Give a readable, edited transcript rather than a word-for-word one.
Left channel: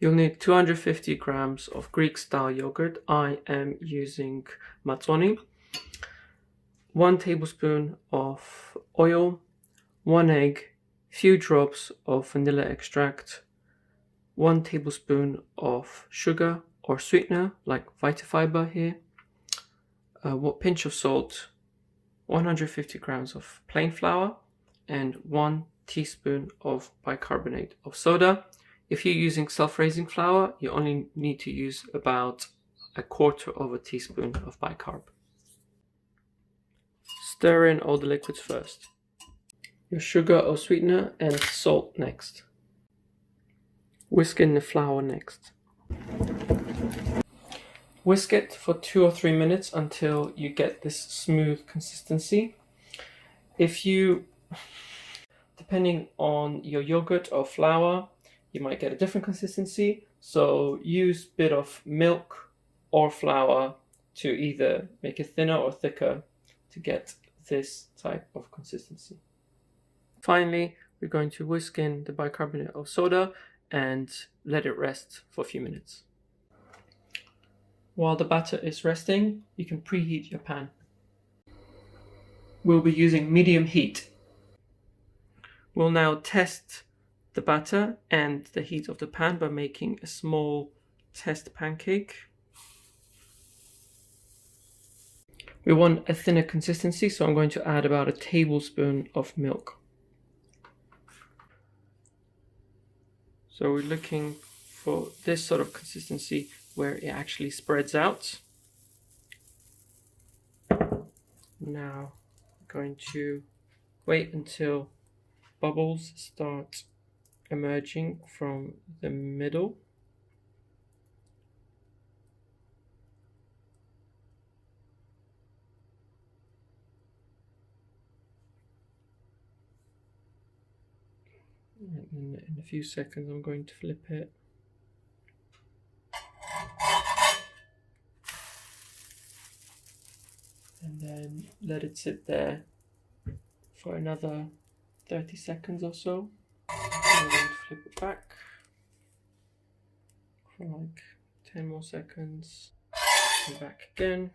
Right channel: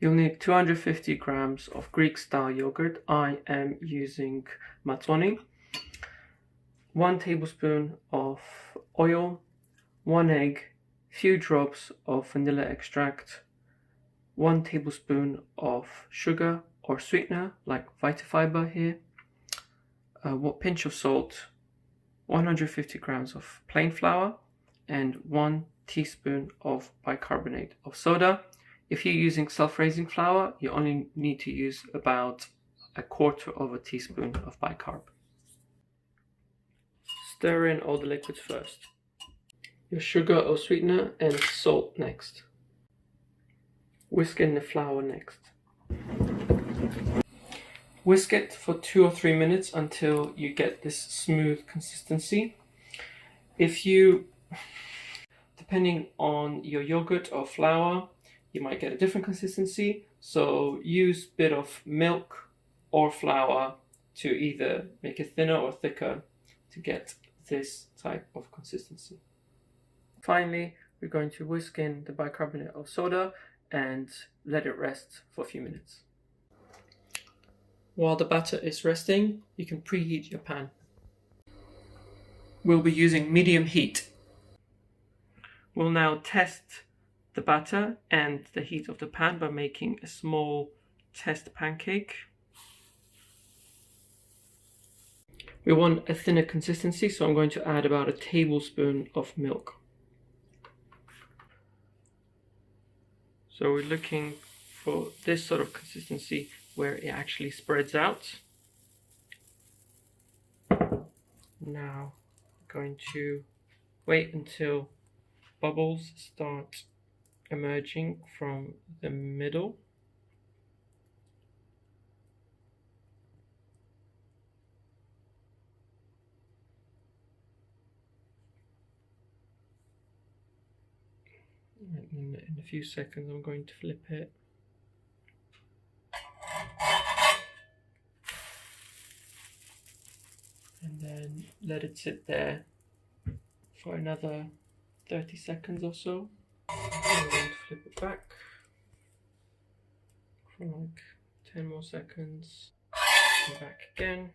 You'll need 250 grams of Greek-style yogurt. I am using Matsoni. 1 tablespoon of oil, 1 egg, few drops of vanilla extract, 1 tablespoon of sugar or sweetener like Vitafibre here, what pinch of salt, 150 grams of plain flour, and 1 teaspoon of bicarbonate of soda. If you're using self-raising flour, you only need to use about 1/4 teaspoon of bicarb. Stir in all the liquids first. Your sugar or sweetener and salt next. Whisk in the flour next. Whisk it for 2 or 3 minutes until you get this smooth consistency. Depending on your yogurt or flour, you might get a different consistency, so use a bit of milk or flour to either make it thinner or thicker to get this type of consistency. Finally, we're going to whisk in the bicarbonate of soda and let it rest for a few minutes. While the batter is resting, you can preheat your pan. We'll be using medium heat. We'll now test the batter and the heat of the pan by making a small test pancake. We want a thinner consistency, so I'm going to add about 1 tablespoon of milk. So we're looking for this sort of consistency where it actually spreads out. Now I'm going to wait until bubbles start emerging from the middle. In a few seconds I'm going to flip it. And then let it sit there for another 30 seconds or so. I'm going to flip it back for like 10 more seconds. And back again.